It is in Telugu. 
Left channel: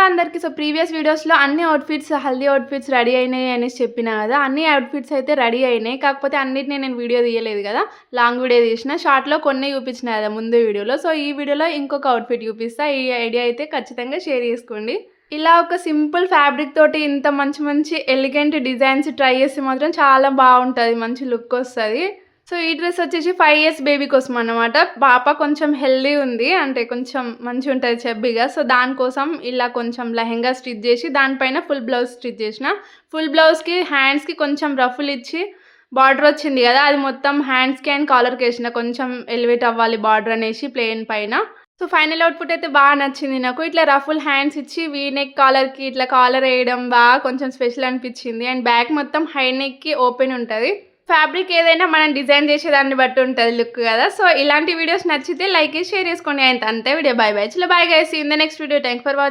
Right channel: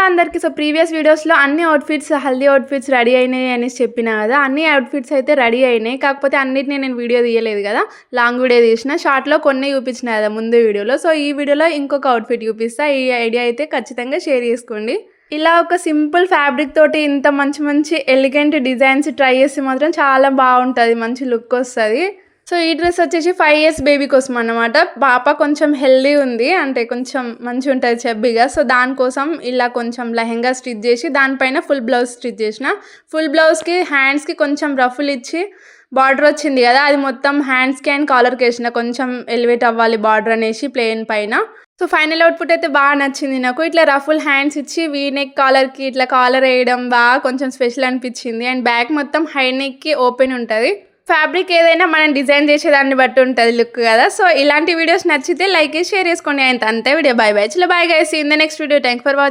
హలో అందరికీ. సో ప్రీవియస్ వీడియోస్లో అన్ని అవుట్ఫిట్స్ హల్దీ అవుట్ఫిట్స్ రెడీ అయినాయి అనేసి చెప్పినా కదా. అన్ని అవుట్ఫిట్స్ అయితే రెడీ అయినాయి, కాకపోతే అన్నిటిని నేను వీడియో తీయలేదు కదా, లాంగ్ వీడియో తీసిన. షార్ట్లో కొన్ని చూపించిన కదా ముందు వీడియోలో. సో ఈ వీడియోలో ఇంకొక అవుట్ఫిట్ చూపిస్తా. ఈ ఐడియా అయితే ఖచ్చితంగా షేర్ చేసుకోండి. ఇలా ఒక సింపుల్ ఫ్యాబ్రిక్ తోటి ఇంత మంచి మంచి ఎలిగెంట్ డిజైన్స్ ట్రై చేస్తే మాత్రం చాలా బాగుంటుంది, మంచి లుక్ వస్తుంది. సో ఈ డ్రెస్ వచ్చేసి 5 years బేబీ కోసం అన్నమాట. పాప కొంచెం హెల్దీ ఉంది, అంటే కొంచెం మంచిగా ఉంటుంది చెబ్బిగా. సో దానికోసం ఇలా కొంచెం లెహెంగా స్టిచ్ చేసి దానిపైన ఫుల్ బ్లౌజ్ స్టిచ్ చేసిన. ఫుల్ బ్లౌజ్కి హ్యాండ్స్కి కొంచెం రఫుల్ ఇచ్చి బార్డర్ వచ్చింది కదా, అది మొత్తం హ్యాండ్స్కి అండ్ కాలర్కి వేసిన. కొంచెం ఎలివేట్ అవ్వాలి బార్డర్ అనేసి ప్లెయిన్ పైన. సో ఫైనల్ అవుట్పుట్ అయితే బాగా నచ్చింది నాకు. ఇట్లా రఫుల్ హ్యాండ్స్ ఇచ్చి వీ నెక్ కాలర్కి ఇట్లా కాలర్ వేయడం బాగా కొంచెం స్పెషల్ అనిపించింది. అండ్ బ్యాక్ మొత్తం హై నెక్కి ఓపెన్ ఉంటుంది. ఫ్యాబ్రిక్ ఏదైనా మనం డిజైన్ చేసేదాన్ని బట్టి ఉంటుంది లుక్ కదా. సో ఇలాంటి వీడియోస్ నచ్చితే లైక్ చేసి షేర్ చేసుకోండి. అంతే వీడియో. Bye bye. చలో bye guys, in the next video. Thank for watching.